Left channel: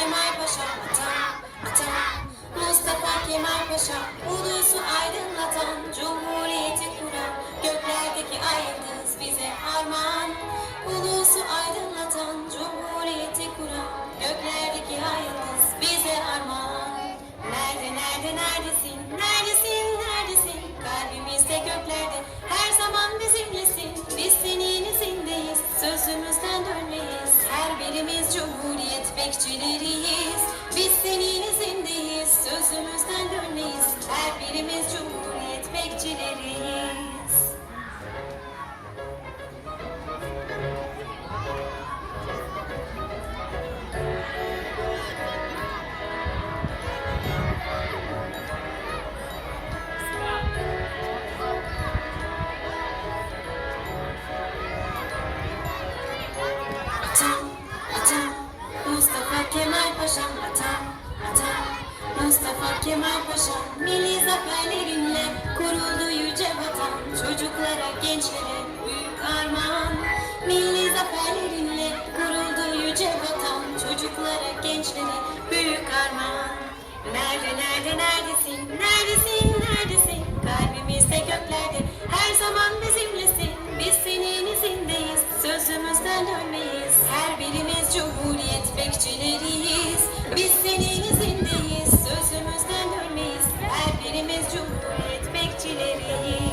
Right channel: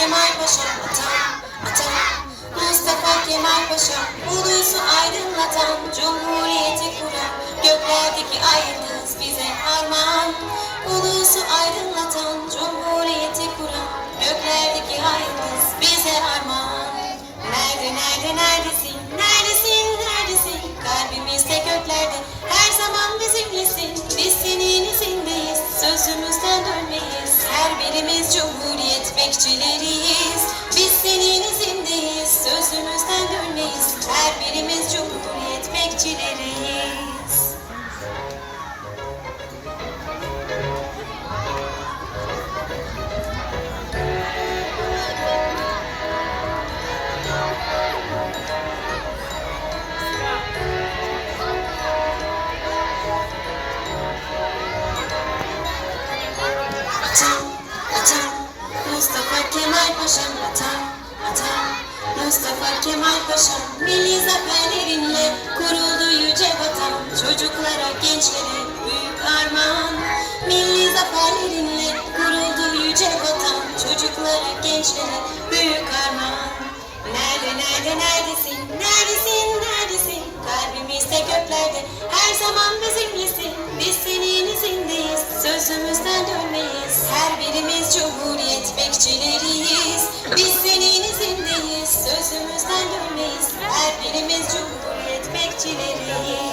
Kemal Paşa Atam, atam Mustafa Kemal Paşa Ulusu aydınlatan Cumhuriyeti kuran Göklerdeki ay yıldız bize armağan. Ulusu aydınlatan Cumhuriyeti kuran Göklerdeki ay yıldız bize armağan. Nerede nerede neredesin? Neredesin neredesin? Kalbimizde göklerde Her zaman bizimlesin. Biz senin izindeyiz. Sözümüzden dönmeyiz Birimiz Cumhuriyet bekçileriyiz Mustafa Kemal Paşa'm atam, atam, Mustafa Kemal Paşa'm milli zaferlerinle kuruldu yüce vatan. Çocuklara, gençlere büyük armağan. Milli zaferlerinle kuruldu yüce vatan. Çocuklara, gençlere büyük armağan. Nerede, nerede, neredesin, neredesin, neredesin? Kalbimizde göklerde her zaman bizimlesin. Biz senin izindeyiz, sözümüzden dönmeyiz. Her birimiz Cumhuriyet bekçileriyiz. Biz senin izindeyiz, sözümüzden dönmeyiz. Her birimiz cumhuriyet bekçileriyiz.